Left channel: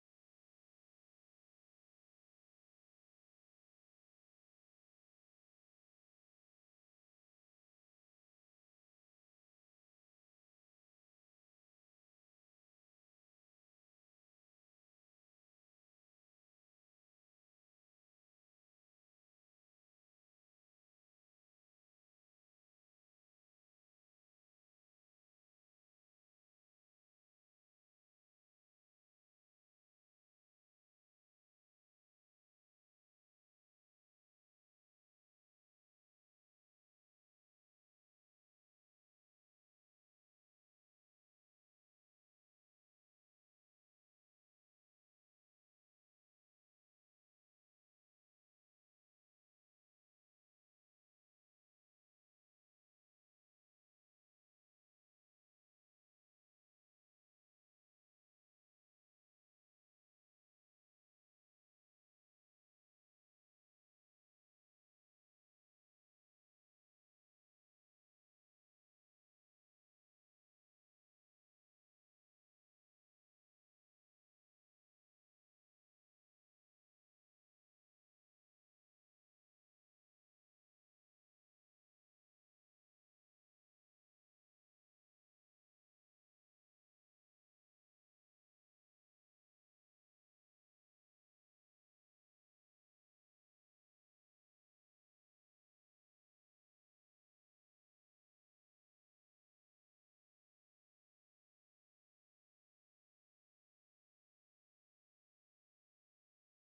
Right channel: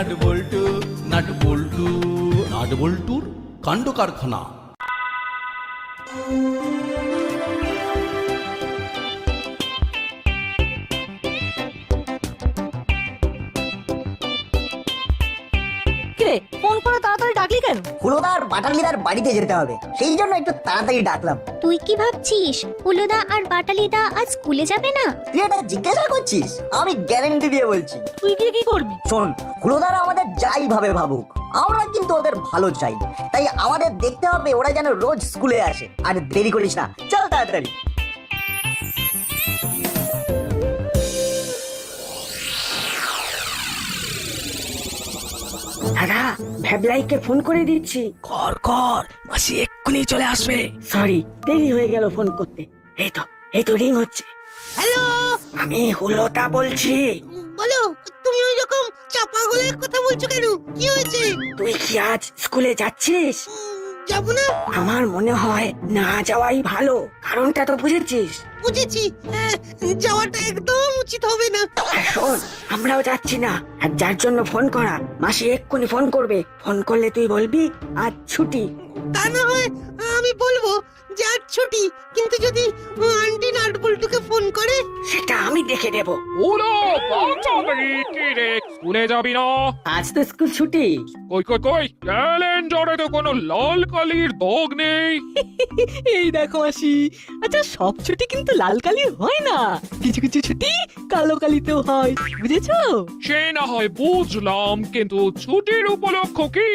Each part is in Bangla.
নাট বল্টু নাট বল্টু নাট বল্টুর কাণ্ড কারখানা কেন হুলোদার বাটালিদার বাড়িতে যেতে হবে। সেই জন্য একটু তাড়াতাড়ি ডাকলাম। তুই কি ভাবছিস? হুলোদা আর বাটালিদা আজ স্কুলে যাবে না? তুই এটা জিজ্ঞাসা করছিস? আমি গ্যারেন্টি দিয়ে বলছি। তুই গিয়ে কি করবি? শোন হুলোদার আমাদের যাই ভাবে ভাবুক। আমরা কিন্তু ওদের ভালো চাই। তাই আমাদের দেখতে হবে ওরা যেন রোজ স্কুলে আসে। আর দেরি করিস না। চল তাড়াতাড়ি। দাদা ভ্যাবলাইকে ফোন করে দিচ্ছি। কর কর মাসি এক্ষুনি চলে আসবে। সরি দেরি হয়ে গেল ফোন করতে। এই তো এই তো রিং হচ্ছে। হ্যালো? আমি হুলোটা বলছি। বলো তুমি ওই রকম চাপা গলায় কথা বলছো কেন? কি হয়েছে? তুই কি আজ স্কুলে যাচ্ছিস? যাব না? আমার মনে হয় না যাওয়াই ভালো কারণটা তো বুঝেছিস। বুঝেছি। হ্যাঁ, যাওয়াটা একদম উচিত হবে না। আর শোন আমরাও যাচ্ছি না। আর যার জন্য ফোন করা মাসি এক্ষুনি ফোন করবে। ফোন করলে তুই বলবি আজ ছুটি। তা না হয় আমি বলব যে আজ ছুটি কিন্তু যদি আন্টি নাটবল্টুকে ফোন করে? সেটা আমি দেখে দেব ওরা বাচ্চাদের কি রে স্কুলে যাবি না? আজ তো স্কুল ছুটি। কই কই কই? ক্যালেন্ডারে তো কোনো লাল কালির দাগ নেই। এই দেখো মাসি আচ্ছা সব ছুটি কিন্তু লাল কালি হয় না। কিছু কিছু ছুটি কালো কালিতেও হয় বুঝেছ? সে না হয় বুঝলাম কিন্তু ছুটির উপলক্ষ কি?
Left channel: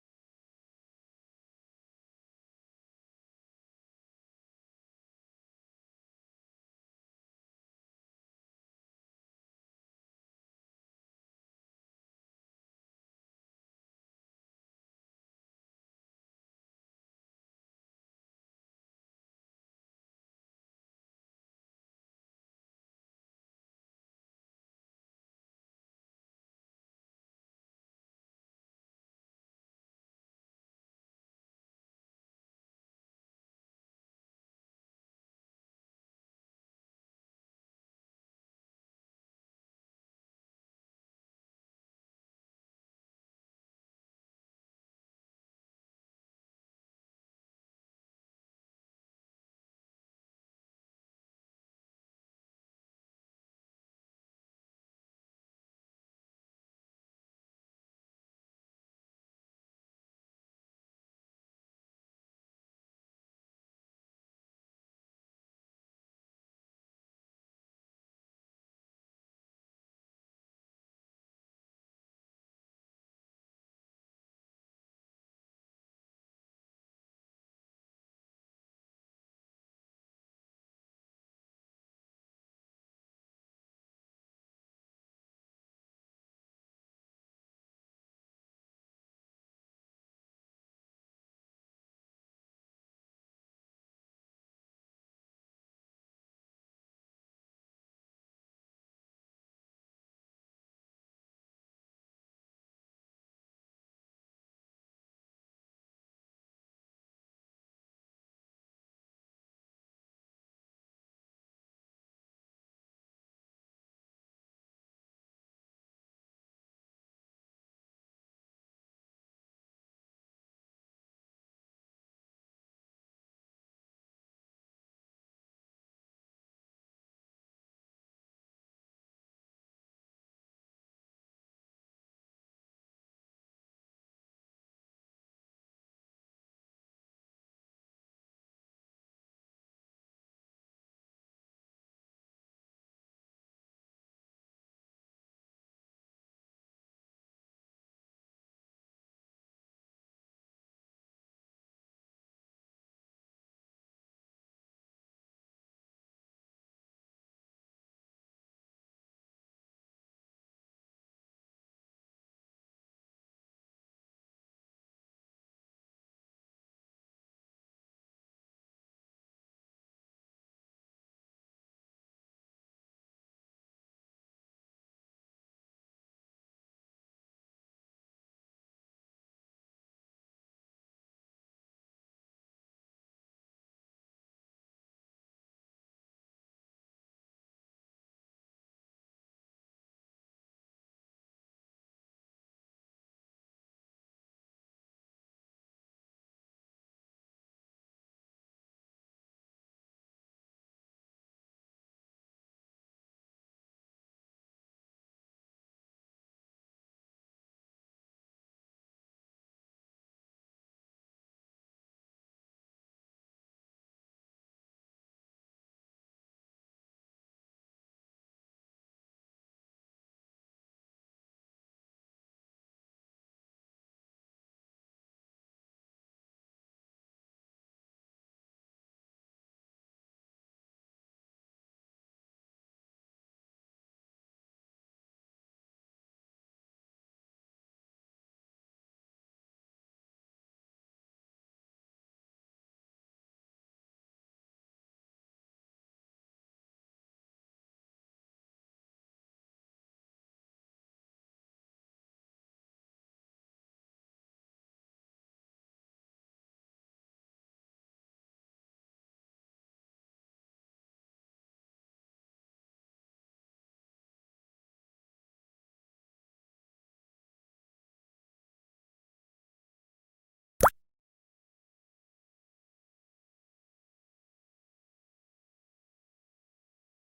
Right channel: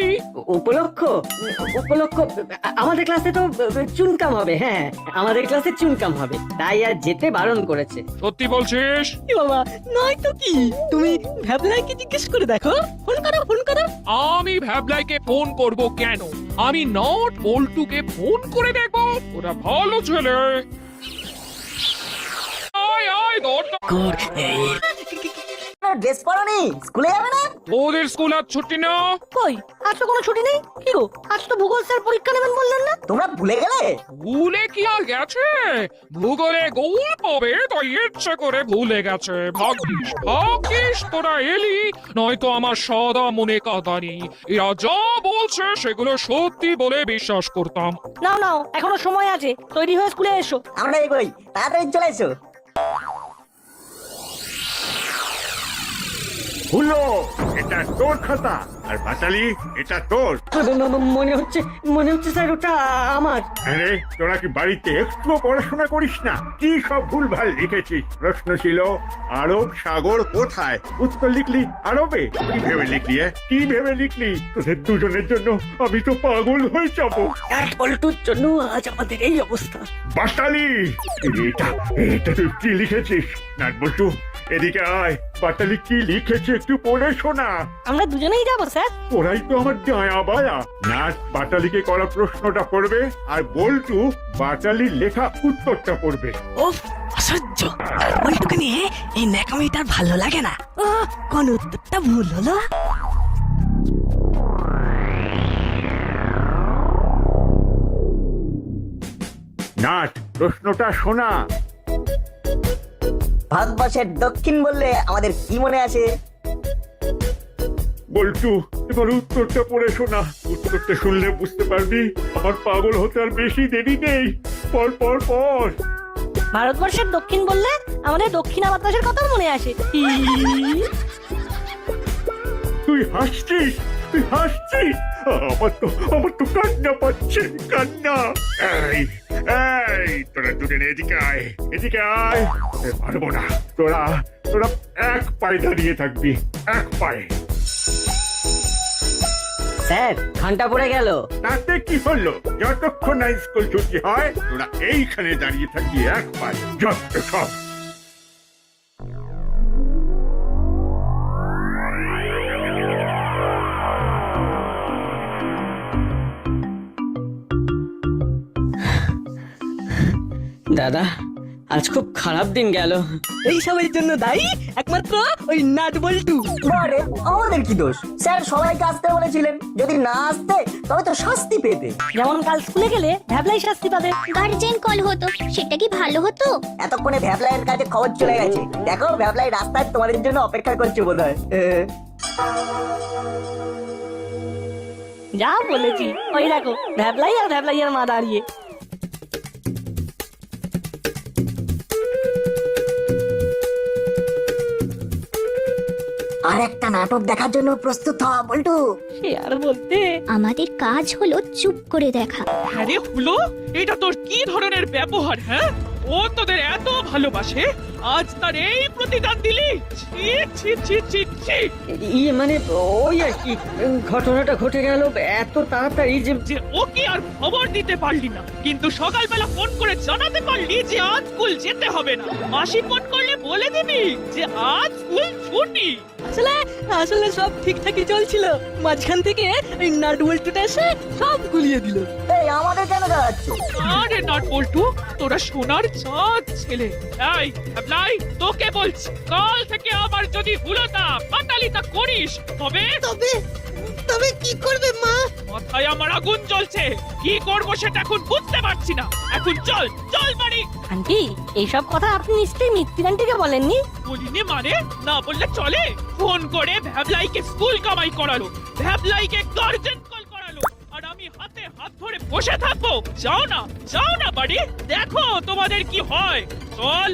উপলক্ষ? উপলক্ষ আমাদের ক্লাসে তো চুনকাম হবে হ্যাঁ আমাদের ক্লাসে চুনকাম হবে তাই আর যেতে বারণ করেছে। সত্যি বলছিস? এ বাবা নয় তো কি? তুমি ভ্যাবলাইকে জিজ্ঞেস করে দেখো। ফোন করো ফোন করো। আমি ভ্যাবলাইকে ফোন করব কেন? আমি নট বল্টুকে ফোন করে দেখব। ওরা ভালো ছেলে। আয় আয় দরজা কর এই ড্রেস পরনি? স্কুলে যাবে না? ওদের স্কুল আর ছুটি না কই? আজ তো কোনো ছুটি নেই? কি গো? আজ তো ভূগোল স্যার পরীক্ষা নেবেন বললেন না? তোমরা ভুলে গেলে? ভুলে কি আর গেছে? ভূগোলে গোল পাবে তাই ইচ্ছে করে ভুলে গেছে। ভাগ্যিস ভাগ্যিস তোরা এলি নয়তো আমার সদা মনে কাঁদানি। এরা যা বলছে সেগুলো সত্যি বলে বিশ্বাস করতাম। নাও নাও এখনও সময় আছে। তৈরি হয়ে স্কুলে এসো। আমরা এগোই। তাড়াতাড়ি চলে এসো। হুলো এটা তোর খাতা। আর বাটালি এটা তোর। মনে হচ্ছে মনে হচ্ছে স্যার ওটা আমার। আরে তোরা কি বাড়িতে একটু পড়াশোনা করিস না? কি সব ভুলভাল লিখেছিস? প্রশ্ন ছিল আরব সাগর কোথায়? উত্তর লিখলি আরবে। কি ভেবে লিখলি কি ভেবে লিখলি? তোদের দুজনের জন্য আমি তো পাগল হয়ে যাব। এক পল্টুর জন্য আজ আমাদের এই অবস্থা। বাটালি এটা এটা তুই কি লিখেছিস? নাট বল্টু এদিকে আয়। বাটালি কি লিখেছে একটু পড়ে শোনা। আমরা দুজনেই যাব স্যার। ওরাই তো আমার ডায়া বায়া। নাট বাটালিকে করা প্রশ্নটা পড়বে আর বল্টু বাটালির লেখা উত্তরটা পড়বে। ও অসহ্য। বলটুকে নিয়ে এই ন্যাকামিটা ভালো লাগে না। ও কোন উত্তরটা ভুল হলো? নাট প্রশ্নটা শোনা। ভারতবর্ষের দক্ষিণ বললে আমাদের কি মনে আসে? বল্টু এবার উত্তরটা পড়ে শোনা। উত্তরটা শুনলে বুঝতে পারবি আমার পাগল হতে আর বেশি দেরি নেই। পর পর পর। ভারতবর্ষের দক্ষিণ বললে আমাদের দক্ষিণা বাতাসের কথা মনে আসে। তুই হাসছিস? তুই হাসছিস আমার তো আমার তো কান্না পাচ্ছে কান্না। এই এই তোরা দুজনে এদিকে আয় এদিকে আয়। পারব না। তোরা তোরা এক পায়ে দাঁড়িয়ে থাকবি এক পায়ে। স্যার ঘণ্টা পড়ে গেল। তাতে কি হলো? যতক্ষণ না স্কুল ছুটি হয় তোরা এইখানে দাঁড়িয়ে থাকি এক পায়ে। যত সব। দাদা আজ খুব খারাপ দিন গেল। এই সবের জন্য দায়ী একমাত্র ওই নাট বল্টু। বারে আমাদের কি দোষ? স্যার সবাইকে আসতে বলেছিলেন। যদি না আসতে তবে তো শাস্তি পেতে। যেমন কাল স্কুলে গেলে ভ্যাবলাই শাস্তি পাবে। গার্জেন কল হতো সেটা কি ভালো হতো? এতক্ষণে ভ্যাবলাইয়ের কাছে খবর চলে গেছে। দেখো ভ্যাবলাই রাস্তায় তোমাদের জন্য অপেক্ষা করছে বোধহয়। যা বলেছি ওই দেখো ভ্যাবলাই আর ভ্যাবলাইয়ের মা দাঁড়িয়ে। আর একটা নাটক দেখার জন্য প্রস্তুত হ বল্টু। সে আর বলতে? আমাদের কাজ হলো চুপ করে দেখা। আরে হলো এটা তোর কি ধরনের ব্যবহার হ্যাঁ? ও তোদের এত ভালোবাসে আজ তার এই প্রতিদান দিলি। ছি ছি ছি ছি ছি ইয়ে মানে ওই আর কি ঘটনাটা ঘটে গেল এত তাড়াতাড়ি যে যে ওকে আর খবর দিতে পারলি না। কিন্তু সকালবেলা ফোন করে জানাতে পারলি যে আজ স্কুল যেতে হবে না। মাসি ফোন করলে বলে দিবি যে আজ স্কুল ছুটি। আসলে আসলে সব ঠিকঠাকই চলছিল। মাঝখান থেকে এই নাট বল্টুটা এসে সব গুলিয়ে দিল। এই আমাদের কেন দাঁড়াচ্ছে আরে নট বল্টু তোরা সোনার চাঁদ ছেলে। এই অ্যাপ্লাই তোকে বলছি কাল থেকে আবার যদি হুলতা পাতালিতা করিস তবে তবে তবে কি করবে মা? মাথায় আমার আগুন জ্বলছে। কি করব সেটা এখন বুঝতে পারছি না। এখন চল চল বাড়ি। আন্টি এইসব কথা আপনি নিশ্চয়ই মিত্তির আন্টিকে বলেননি? বলিনি মানে? না বললে চলে। ফোন করে ভ্যাবলাইকে স্কুল কামাই করালো। ভ্যাবলাইকে গার্জেন কল করালো। আর আমি হাতে হাত ধরে বসে থাকব। যাও না যাও না বাড়ি। দেখো তোমাদের কি হয়। চল।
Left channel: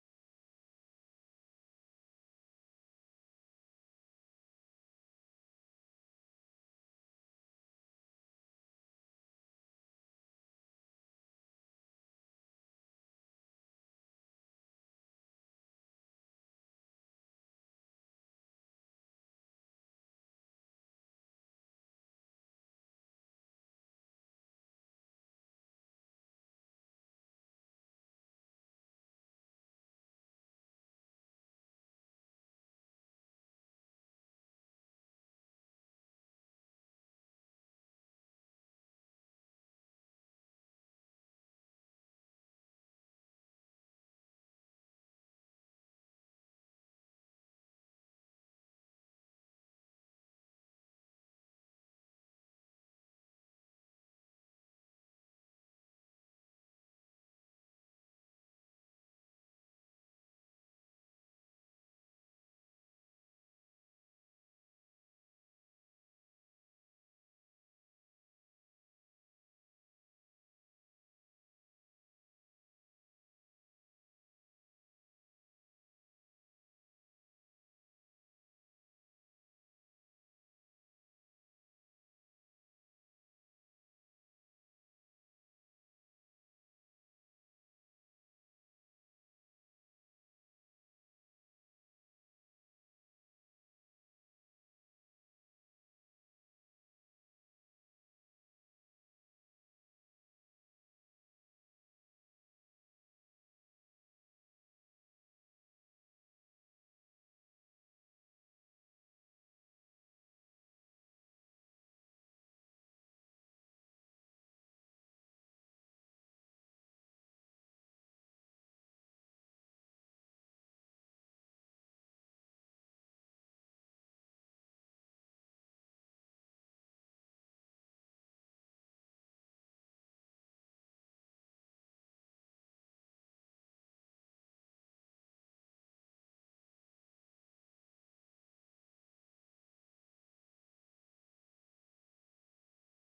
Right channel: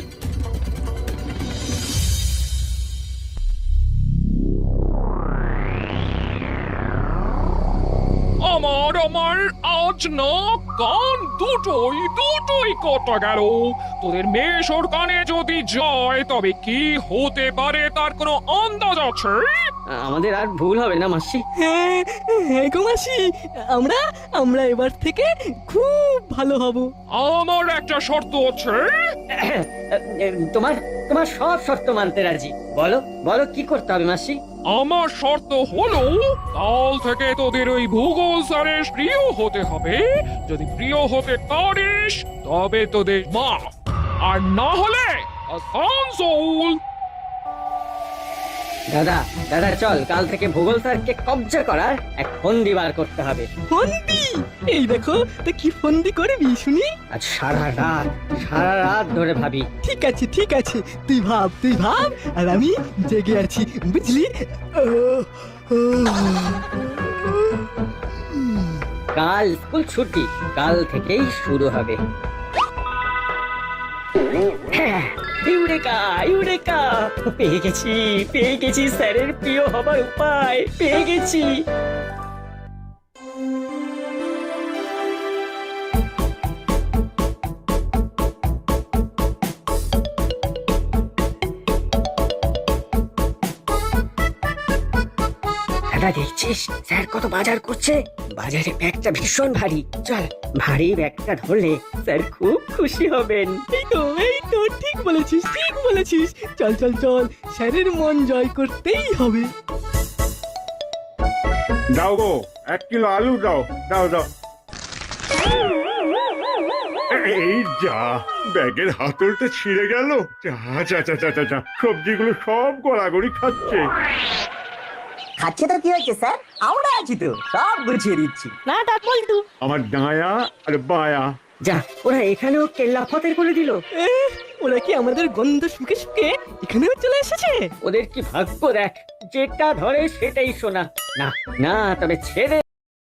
আমার আমার আজ না কান দুটোই দুটোই কত গেল। তোদের মেশোর কানে যদি যায় তবে কি হতে পারে তার কোনো আন্দাজ আছে? আমাদের আর ভুল হবে না মাসি। হ্যাঁ হ্যাঁ গো মাসি আমরা আমরা এবার থেকে খুব ভালো হব। আমার একটা শর্ত আছে। তোমার তোমার সব শর্ত মানতে রাজি। বলো বলো কি করতে হবে মাসি? আমার শর্ত হলো, কাল থেকে তোদের ওই ভূগোল স্যারের প্রিয় হতে হবে। যদি প্রিয় হতে পারিস, তবে তোদের মা। আর না হলে, আসানসোল। দাদা দাদা চল কাল থেকে ভূগোল স্যারকে কবজা করার এক ফন্দি বার করতে হবে। ফন্দি? এই দেখো তা কি ফন্দি করবি শুনি? আজ সারা রাত সারা রাত ধরে ভাবি। ঠিক আছে ঠিক আছে তুই ভাব তুই ভাব আর আমি জেগে আছি বুঝলি। কাল স্কুল ছুটি কাল থেকেই শুরু হবে। Eureka eureka. পেয়ে গেছি পেয়ে গেছি স্যারের প্রিয় হবার উপায় পেয়ে গেছি। দাদা দেখছিস? স্যার কত বাজার করছে? বাজারে ব্যাগটা ভীষণ ভারী। চল ভারী ব্যাগটা ধরলে স্যার খুব খুশি হবেন। এই তো এই তো ঠিক বলেছিস ঠিক বলেছিস। চল চল চল স্যারের মন জয় করতেই হবে। দাও গো এক কিলো আলু দাও দাও দাও। এই যা ব্যাগের হাতলটা ছিঁড়ে গেল। যা যা যা যা যা, যা সবজিগুলো সব গড়াগড়ি খাচ্ছে। খাচ্ছে তো কি হয়েছে স্যার? আমরা আছি তো সব গুছিয়ে দিচ্ছি। না ডাক বল্টু আমার ডায়া আর বায়া। যা ওরা এখানেও কেল্লা ফতের করে দিল। এ, ওরা কি আমাদের গন্ধ শুকে শুকে এখানেও চলে এসেছে? ওদের কি ভাগ্য দেখ যেটা ধরে সেটাই শোনা। না না তবে ছেড়ে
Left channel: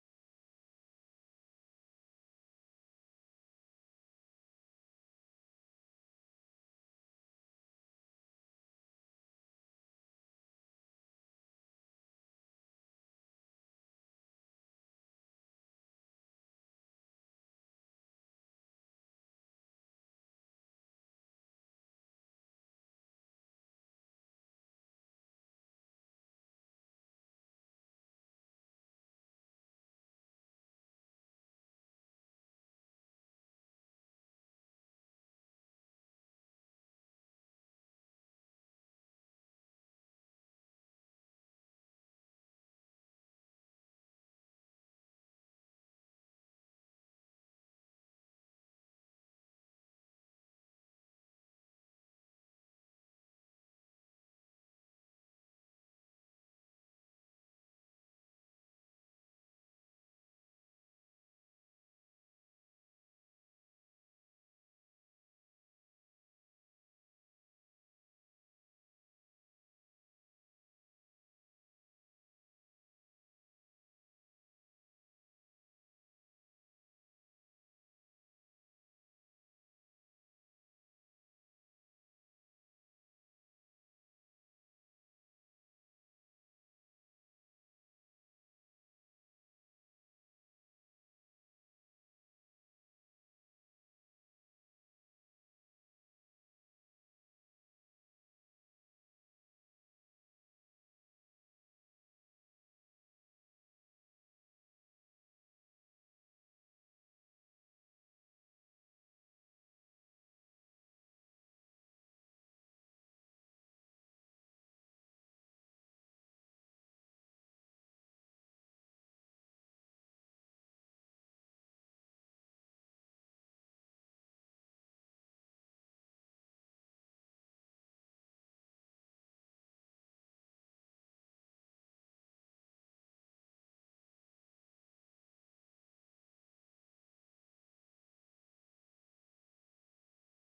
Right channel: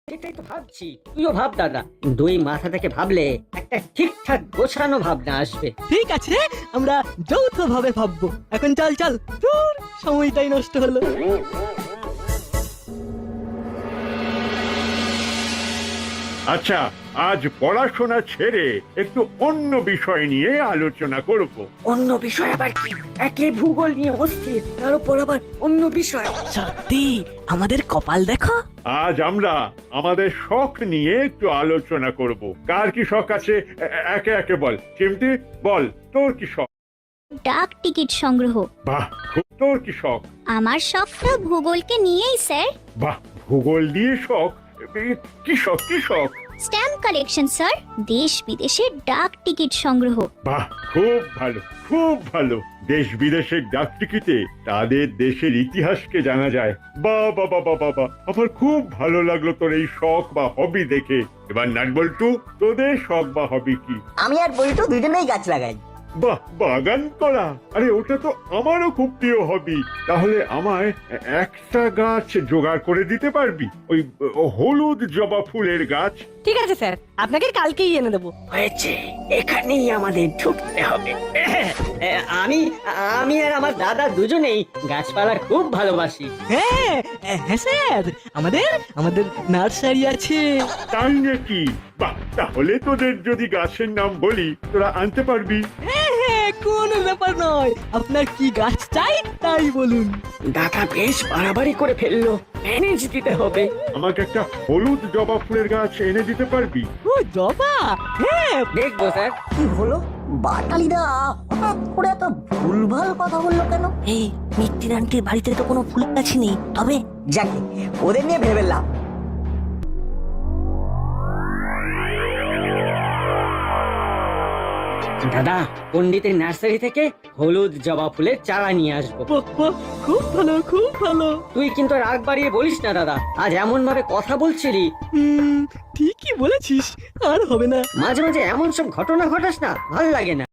এটাই তো ভাবছি। তুইও ভাব দাদা। দুই মাথা থেকে ভাবলে একটা ঠিকঠাক গোছানো ভাবনা আসবে। ঠিক আছে আমরা যৌথ ভাবে ভাববো। এখন চল চল। দূর সময়টাই নষ্ট হলো। আচ্ছা আজ পড়াশোনা ছেড়ে একটু অন্য বিষয় নিয়ে আলোচনা করব। অন্য বিষয় আবার কি? একে ভূগোল নিয়ে অস্থির তার উপর আবার অন্য বিষয়। সত্যি? আমাদের কপাল দেখো। আজ আমরা আমাদের শখ নিয়ে একটু আলোচনা করব। কার কি শখ আছে? এ- এ- একে একে বল। চিমটি বল তোর কি শখ? ডাক টিকিট সংগ্রহ। বাহ খুব তোর কি শখ? আমার শখটা ভূগোলকে নিয়েই স্যার। বাহ ভূগোল দিয়ে শখ? এ, কি শখ কি শখ? Stamp collection sir. দেশ বিদেশের ডাক টিকিট সংগ্রহ। বাহ খুব ভালো খুব ভালো। দেশ বিদেশের ডাক টিকিটে তাদের দেশের ইতিহাসকে জানা যায়। বা বাবা বাবা বা। আমার খুব ভালো লাগল তোর এই শখ বা হবি দেখে। এবার নাট বল্টু তোদের শখ বা হবি কি? আমি আর বল্টু দুজনেই গাছ লাগাই। বাহ বাগান করা। আরে ওটা তো আমারও খুব প্রিয় হবি তাহলে আমায় একটা গাছ জোগাড় করে দিতে পারবি? ওই হলুদ জবা ফুলের গাছ। ঠিক আছে স্যার। আপনাকে কালকেই এনে দেবো। হয়েছে। এখানেই আমাদের ঢুকতে হবে। আমি আমি আর আমার দাদা দুজনেই গাছপালা খুব ভালোবাসি। হ্যাঁ হ্যাঁ স্যার। আমাদের আমাদের নার্সারি আছে। তাই নাকি? বাহ তাহলে তোদের যদি গাছের নাম বলি তোরা আনতে পারবি। হ্যাঁ হ্যাঁ কোনো ব্যাপার নয়। আপনার কি গাছ চাই তাই বলুন। দাদা বেশ বাড়াবাড়ি করে ফেলল। ম্যানেজ দিতে হবে। আমাকে একটা হলুদ জবা ফুলের গাছ এনে দিতে পারবি? ও জবা? হ্যাঁ। দেখব স্যার। কি হলো? বাটালিদা হঠাৎ করে এত ভুলভাল কথা বলল কেন? এই মিত্তির আন্টির বাড়িতে তো কোনো ফুল গাছই নেই। তবে যাকে ওদের নিয়ে ভেবে লাভ। দাদা। পণ্ডিতের নার্সারি থেকে হলুদ জবা ফুলের চারা নিয়ে আসব। বাহ, বাহ, খুব ভালো খুব ভালো। তুই কিন্তু রাগ বাড়িয়ে বলিস না দাদা। আজ এমন ভাবে কথা বলছিলি। হুম ঠিকই বলেছিস আর হবে না। মাঝে মাঝে এমন সব ঘটনা ঘটাস না ভালো লাগে না।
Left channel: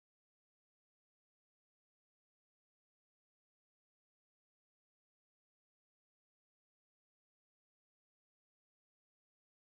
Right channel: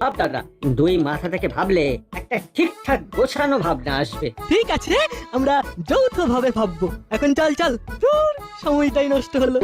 ভাব দাদা দুই মাথা থেকে ভাবলে একটা ঠিকঠাক গোছানো ভাবনা আসবে। ঠিক আছে আমরা যৌথ ভাবে ভাববো। এখন চল চল দূর সময়টাই নষ্ট হলো।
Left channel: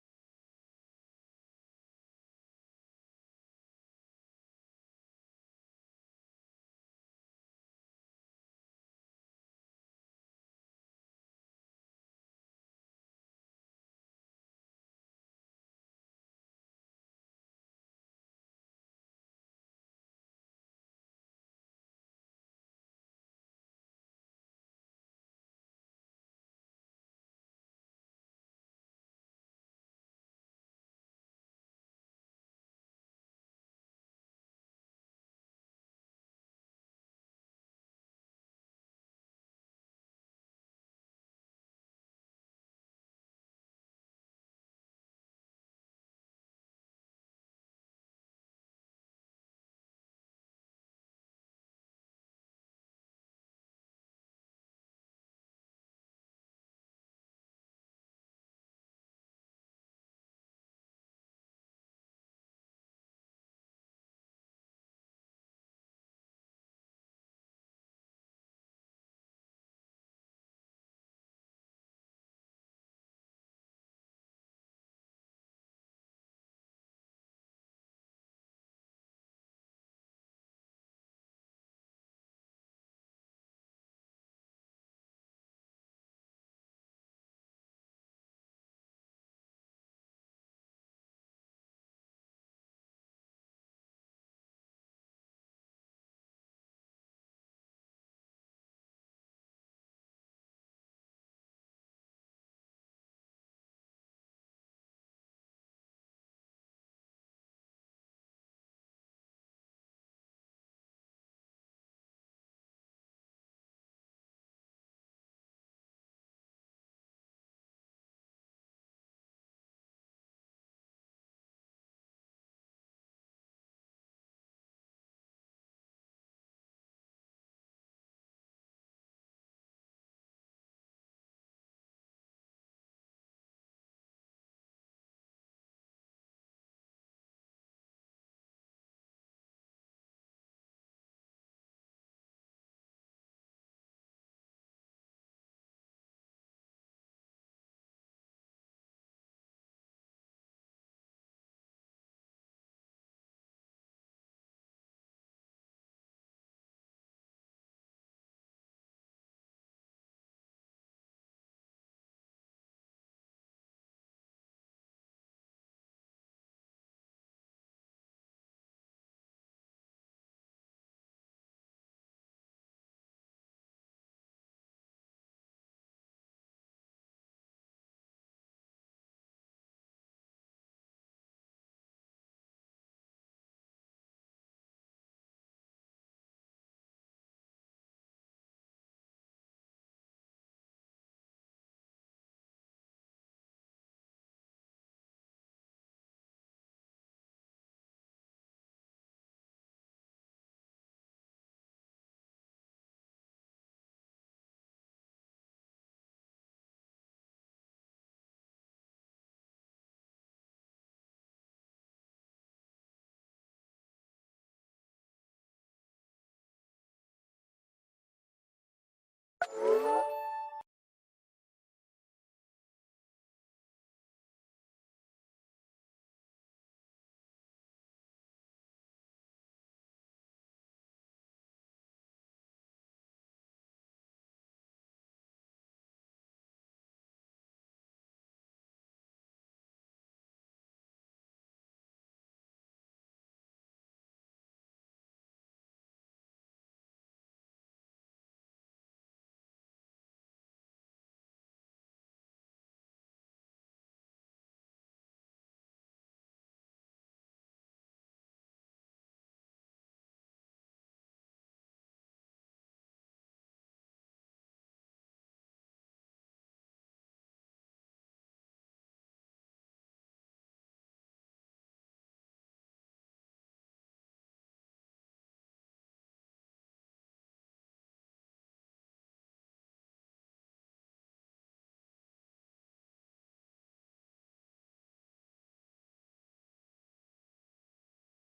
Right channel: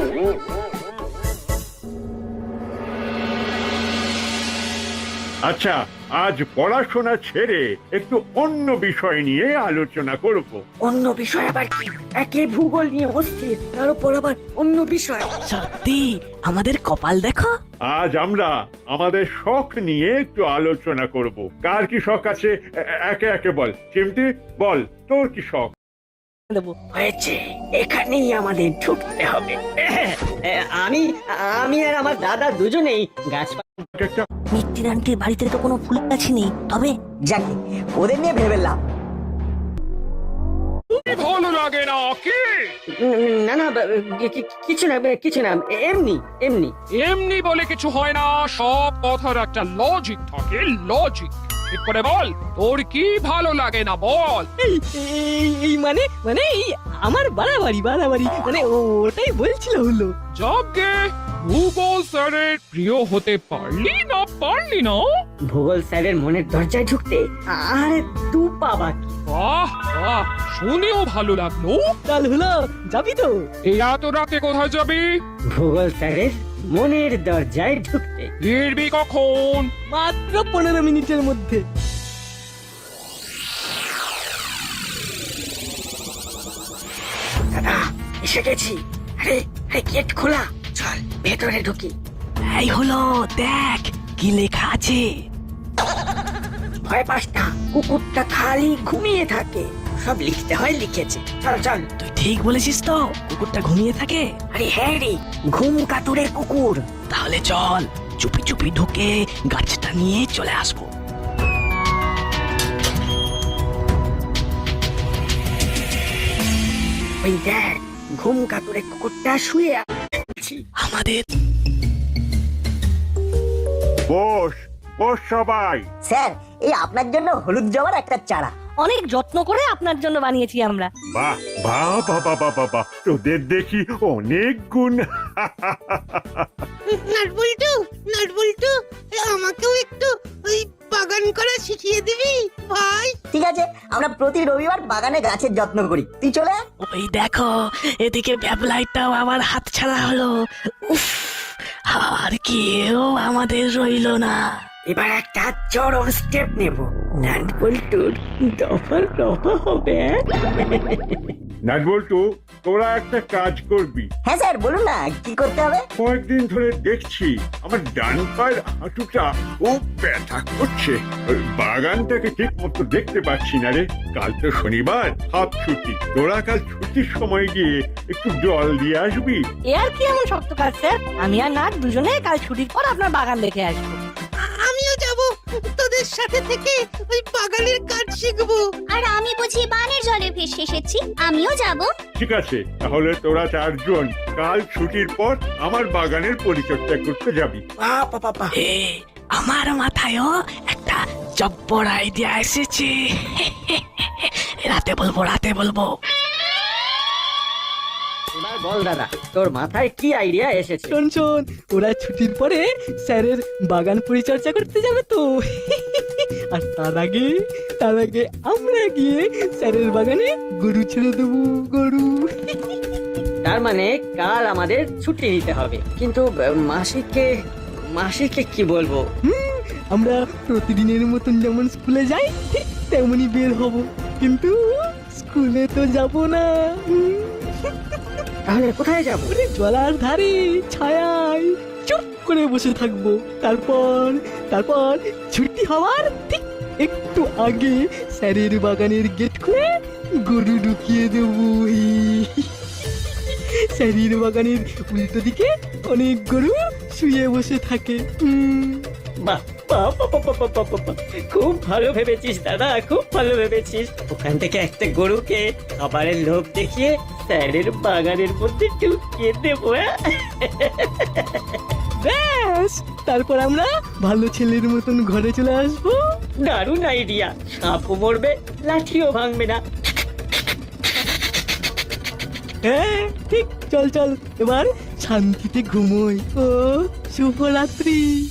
আচ্ছা আজ পড়াশোনা ছেড়ে একটু অন্য বিষয় নিয়ে আলোচনা করব। অন্য বিষয় আবার কি? একে ভূগোল নিয়ে অস্থির তার উপর আবার অন্য বিষয়। সত্যি? আমাদের কপাল দেখো। আজ আমরা আমাদের শখ নিয়ে একটু আলোচনা করব। কার কি শখ আছে? এ- একে একে বল। চিমটি বল তোর কি শখ? দেবো। হয়েছে। এখানেই আমাদের ঢুকতে হবে। আমি আমি আর আমার দাদা দুজনেই গাছপালা একটা মিত্তির আন্টির বাড়িতে তো কোনো ফুল গাছই নেই। তবে যাকে ওদের নিয়ে ভেবে লাভ। ভালো লাগে না কি? উম, না না কিছু না কিছু না এমনি এমনি। এমনি বলে কিছু হয় না সব কথার একটা লজিক থাকে লজিক ঠিক করে বল তোর কি ভালো লাগে না বল। এই এই এই মানে মানে এই আমার বাড়াবাড়ি বাড়াবাড়ি মানে ওটাই বলছিল হলো। যাকে ভূগোল স্যারের প্রিয় হতে পারলি না পারলি না? ভূগোল স্যারের মনের দরজায় ঢুকতে আর দু পা বাকি। বাহ বাহ শুনেও ভালো লাগল। কাল হলো যাবি তো? এই এত রাতে কোথায় যাবি? ভূগোল স্যারের মনের দরজায় ঢুকতে। ফিরবি কখন? মাত্র পনেরো মিনিটের মধ্যে। দাদা এসে গেছি। আরে আরে গেট খোলা। চল ভেতরে ঢুকি। এই হলো দেখ কি লেখা আছে। ভয় পাস না কুকুরটা খালি ঘুমিয়ে থাকে। সব লিখতে হয় লিখেছে। চল চল। তুই ঠিক বলেছিস তো কুকুরটা ঘুমিয়ে থাকে। আরে হ্যাঁ রে ঘুম কাতুরের কুকুর। তাহলে চল চুপি চুপি ঢুকে গাছটা নিয়ে চলে আসব। ওই দেখ ঘুম কাতুরে কুকুরটা শুয়ে আছে আমাদের বস বস সবাই। স্যার এই আপনার জন্য হলুদ জবার একটা চারা। অনেক যত্ন করে আপনার জন্য বানিয়েছি আমরা। বাহ বাহ বাবা বাবা বাহ তোদের দেখি অনেক গুণ। নাটবল্টু নাটবল্টু আমাকেও একটু ওই বাগান করা শিখিয়ে দিবি ভাই। ঠিক আছে আমরা প্রতি রবিবার বাগানে গাছের যত্ন করি। তুই চলে আয়। ওই দেখো এদিকে ব্যাবলাইটাও আবার হাত ছাড়া হলো। উফ আর কেউ আমাদের রইল না। এবার একটা চরম স্টেপ নেব। নাট বল্টুর দফা দফা হবে নাট বল্টু তোরা একটা কাজ করবি। হ্যাঁ স্যার বলুন না কি করতে হবে? কয়েকদিন ধরে দেখছি আমার ডান পায়ের হাঁটুটা খুব ব্যথা করছে। ওই বাগানটাকে ঠিক মতো দেখতে পাচ্ছি না রে। কাল তো শনিবার হাফ ছুটি। তোরা কাল ছুটির সময় গিয়ে একটু জল দিয়ে আসবি। এ আর কি এমন শক্ত কাজ স্যার? আমি আর নাট দুজনে কাল ছুটির পর আপনার বাগান দেখে আসব। আমিও যাব। তোদের সাথে থেকে ওই বাগানের কাজ শিখব। আর আমি বুঝি বানের জলে ভেসে এসেছি আমিও যাব। ঠিক আছে তাহলে তোরা চারজন কাল ছুটির পর আমার বাগানের পরিচর্যা করতে যাবি। এ আমার মাথায়ও একটা জব্বর আইডিয়া এসেছে। রাতে বলব রাতে বলব। বল দাদা তোর মাথায় কি আইডিয়া এসেছে? শোন শোন ওরা ছুটির পরে স্যারের বাগান পরিচর্যা করতে যাবে তো। আর তার আগে তার আগে আমরা গিয়ে স্যারের বাগানে গরু ছেড়ে দেবো গরু। তার মানে কাল আমাদের ছুটি নিতে হবে। কিন্তু মাসিককে মাসিককে কি বলব? আমরা প্রতিদিনের মতন যেমন স্কুলে যাই ঠিক তেমনই বের হব। কিন্তু স্কুলে তো যাব না। তাহলে কোথায় যাব? জলার ধারে, ছায়ায় চুপ করে বসে থাকব। তারপর তারপর ছুটি হওয়ার ঠিক একটু আগে স্যারের বাগানের গেট খুলে গরু ঢুকিয়ে দেবো। স্যারের বাগানের উল্টো দিকে অনেক গরু শুয়ে বসে থাকে। বাহ। খুব ভালো ভেবেছিস দাদা খুব ভালো ভেবেছিস। ওখান থেকে একটা গরুকে খাবারের লোভ দেখিয়ে স্যারের বাগানের মধ্যে ঢুকিয়ে দেবো হ্যাঁ? ব্যাস! তারপর আমরা ভালো ছেলের মতন ঘরে চলে আসব। দারুণ আইডিয়া সাপও মরবে লাঠিও ভাঙবে না। হ্যাঁ ঠিক চল চল এবার শান্তিতে ঘুমোই। ও শুভরাত্রি।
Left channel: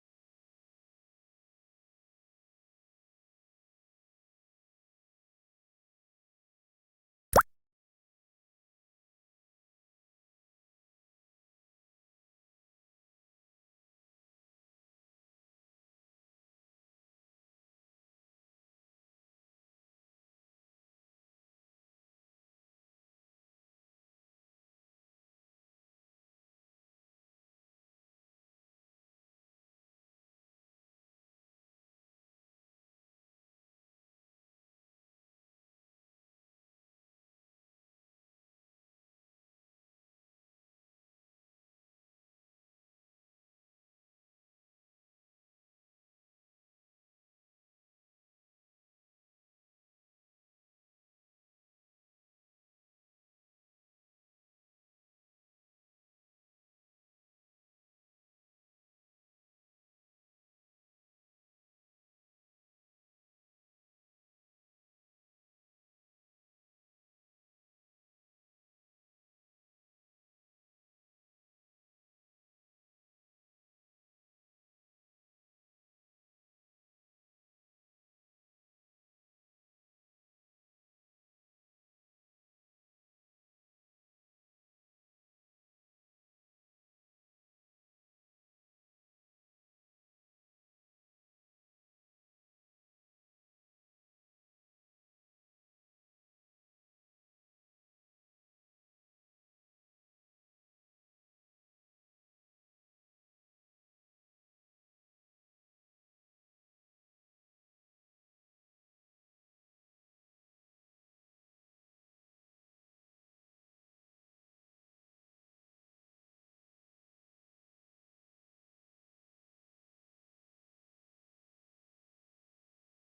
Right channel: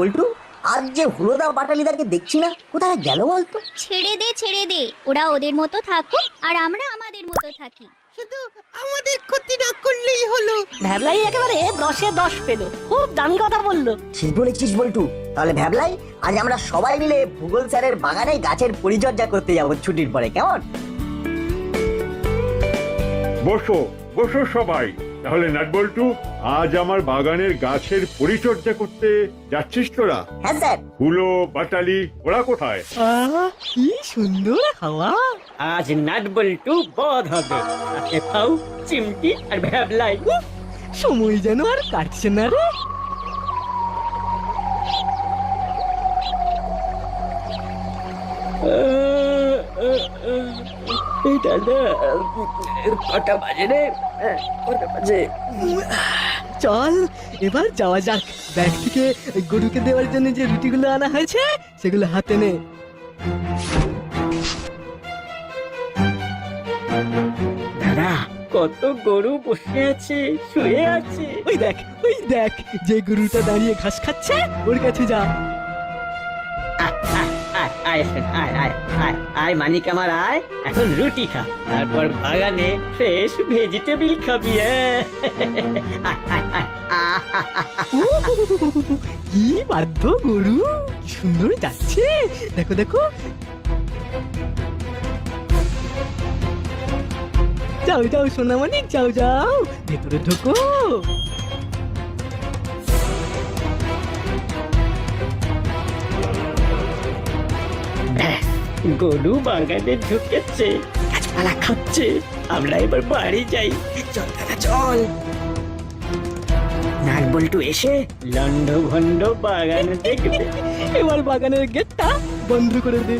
বল্টু আজ যে হুলোদা বাটালিদাকে দেখছি না কোথায় গেল বলতো? ছেড়ে দে ছেড়ে দে। ওরা ওদের মতো থাকুক আর আমরা আমাদের মতো থাকি। শুধু আমাদের ক্ষতি না করলেই হলো। ভ্যাবলাই একেবারে দশে দশ পেল। খুব দামি কথা বলল। ঠিক বলেছিস বল্টু? তাহলে ভাবলাই আজ আমরা সবাই মিলে ভূগোল স্যারের বাগানে গাছের পরিচর্যা করতে যাব ছুটির পরে কেমন? বসো বসো সবাই। তাহলে নাটবল্টু আজ আমার বাগানের গাছের পরিচর্যা করতে যাচ্ছিস তোরা? হ্যাঁ স্যার। হুলো বাটালি ওরা কোথায়? আহ কি সুন্দর হাওয়া। আজ নাট বল্টু বধ হবে। ফাউ চিমটি আর ভ্যাবলাই। সময় যেন আর কাটছে না রে। এই দাদা কটা বাজে রে। কটা বাজে। চল এবার যাওয়া যাক। ব্যাগ থেকে গরুকে দেওয়ার জন্য যে রুটিগুলো আনা হয়েছে সেগুলো হাতে নে। দাদা কত গরু বসে আছে শুয়ে আছে। ওই দেখ ওই দেখ যে গরুটা দাঁড়িয়ে ঘাস খাচ্ছে ওর কাছে যা। আয়, আয়, আয়, আয়, মানিক আমার আয়। এখন রুটি তারপর বাগানে ফ্রেশ ভেজিটেবিল খাবি কি বাধ্য গরু? সুন্দর যাচ্ছে। দেখো দেখো। যাও যাও সোনামানিক যাও যাও। ভেতরে ঢোকো। গরু বাগানে ঢুকেছে। গাছপালা খাচ্ছে। আমরা এবার বাড়ি যাই। চল দাদা চল। এসে লন্ড ভন্ড বাগানে দেখবে। এবার বাগানের গেটটা বন্ধ করে দে।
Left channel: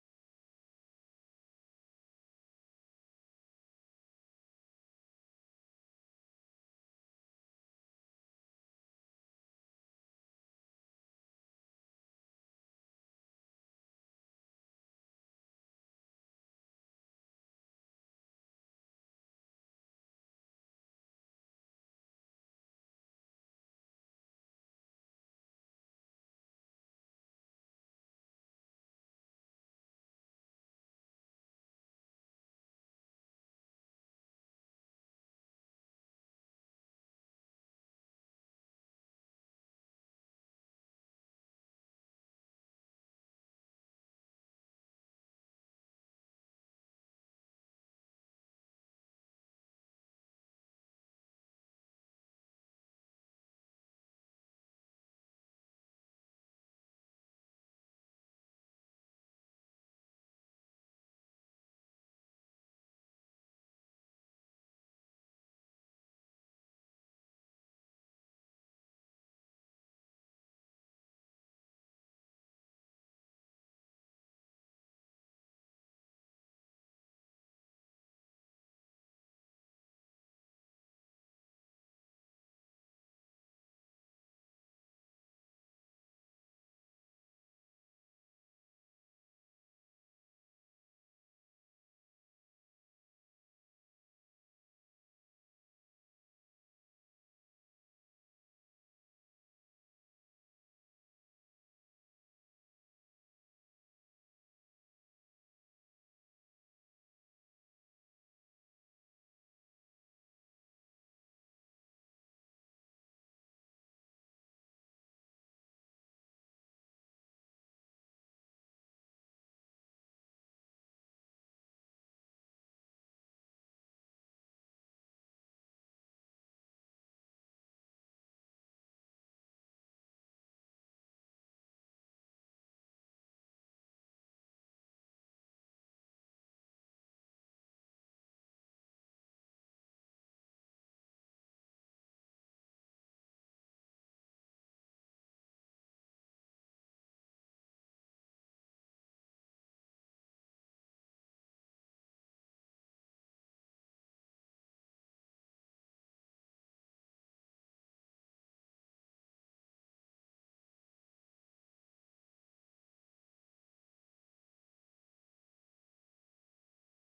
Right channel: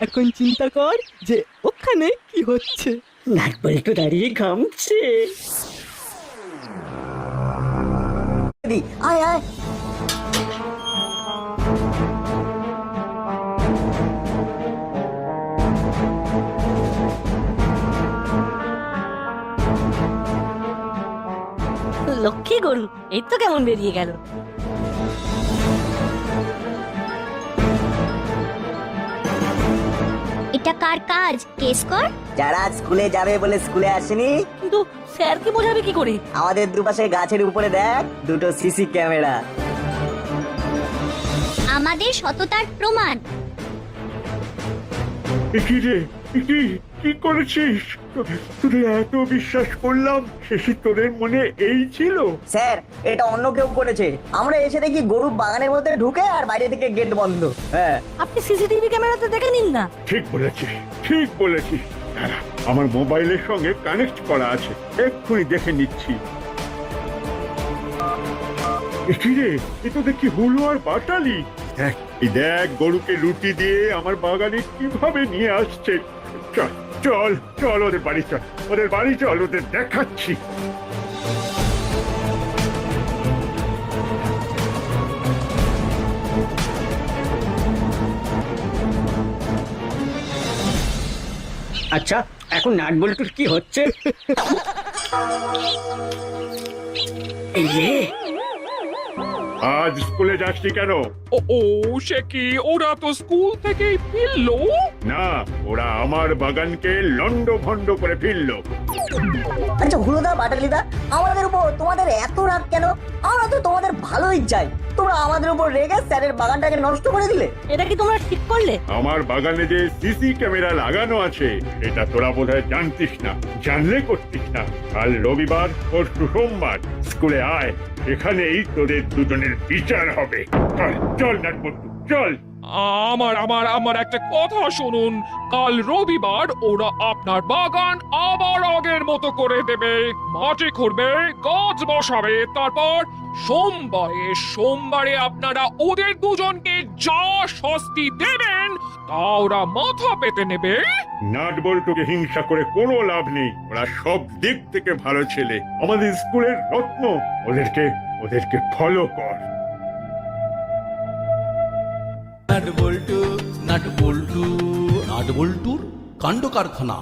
এখন চিন্তা কর যে ওখানে কি হচ্ছে। নাট বল্টু দাঁড়িয়ে ঘামছে। দি, আয় আয় লক্ষ্মী গরু এই তো কেমন বেরিয়ে গেল। এটা কার কাজ? কেস কর। যারা স্কুলে যাবে বলে স্কুলে আসেনি কিন্তু স্যারকে বোঝাবে কি করে? আমাদের দুপাশে গাছের উপরে দেখ দুটো সিসি ক্যামেরা। আমাদের সততার প্রমাণ। এ কি রে? এ কি কি করেছিস? তোদের- এত বিশ্বাস করলাম শেষে তোদের মনে এই ছিল? স্যার এটা অন্য কেউ করেছে। আমরা এসে দেখি গরু বাগানের মধ্যে ঢুকে আর বাইরে থেকে গেট বন্ধ। হ্যাঁ। আপনি সিসিটিভি ক্যামেরাতে দেখে নিন না। ঠিক বলেছিস ঠিক বলেছিস। দাঁড়া, আমার মোবাইলের সঙ্গে কানেক্ট করা আছে। এক্ষুনি দেখে নিচ্ছি। এ কি রে এ তো দেখি হুলো আর বাটালি দেখ এই দেখ গরুকে রুটি দিয়ে আমার বাগানে কীভাবে নিয়ে আসছে। চল চল চল ওদের বাড়ি চল। ওদের বাড়ি চল ওদের দেখাচ্ছি। আচ্ছা এখন নাট বল্টুর কি হচ্ছে? এই যে আজ স্কুলে যাসনি কেন? ও ও সে কি? ওরা তো স্কুল থেকেই ফিরলো? না ওরা আমার বাগানকে লন্ড ভন্ড করে ফিরলো। আচ্ছা হুলোদা বাটালিদা আমাদের উপর তোমাদের এত রাগ কেন? আমরা তো তোমাদের ভালোই চাই। তোমরা আমাদের উপর রেগে স্যারের বাগানটাকে নষ্ট করে দিলে। এটা কি তোমরা ঠিক করলে? আমার বাগানে যে সিসি ক্যামেরা লাগানো আছে এটা তোরা বোধহয় জানতিস না জানলে করতিস না। কাল রবিবার পরশু সোমবার স্কুলে আয়। এখানেই তোদের দুজনের বিচার হবে। চল চল চল। আমার আমার আমার একটা কথা শুনুন। কাল রবিবার ওরা আপনার বাগান আবার আগের মতো করে দেবে। মাটি খুঁড়বে, গাছ বসাবে, তারপর সোমবারে সোমবারে আপনারা ওদের দুজনকে যা শাস্তি দেবেন, তা ওরা মাথা পেতে নেবে। নাটবল্টুকে হিংসা করে কোনো লাভ নেই। ওরা সব দিক থেকে ভালো ছেলে। আমাদের স্কুলের রত্ন। ওদেরকে ওদেরকে ফলো কর। নাট বল্টু নাট বল্টু নাট বল্টুর কাণ্ড কারখানা